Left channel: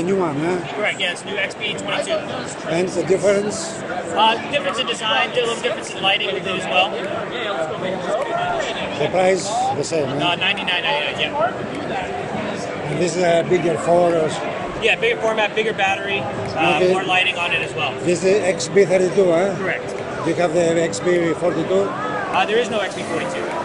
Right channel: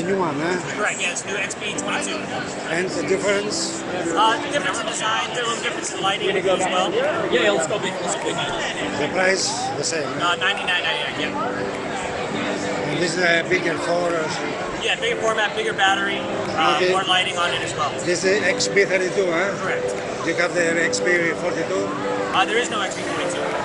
the new one, huh? Correct, yeah, it's new XB22. And the difference? Difference in design, a little difference in lighting as well. Yeah, let's go. The price the same, huh? $99.99, yeah. And this is a bigger for us. Yeah, bigger format, bigger battery, more lighting on it as well. This is XB32, huh? Correct. Do you have the XB42? There is no XB42.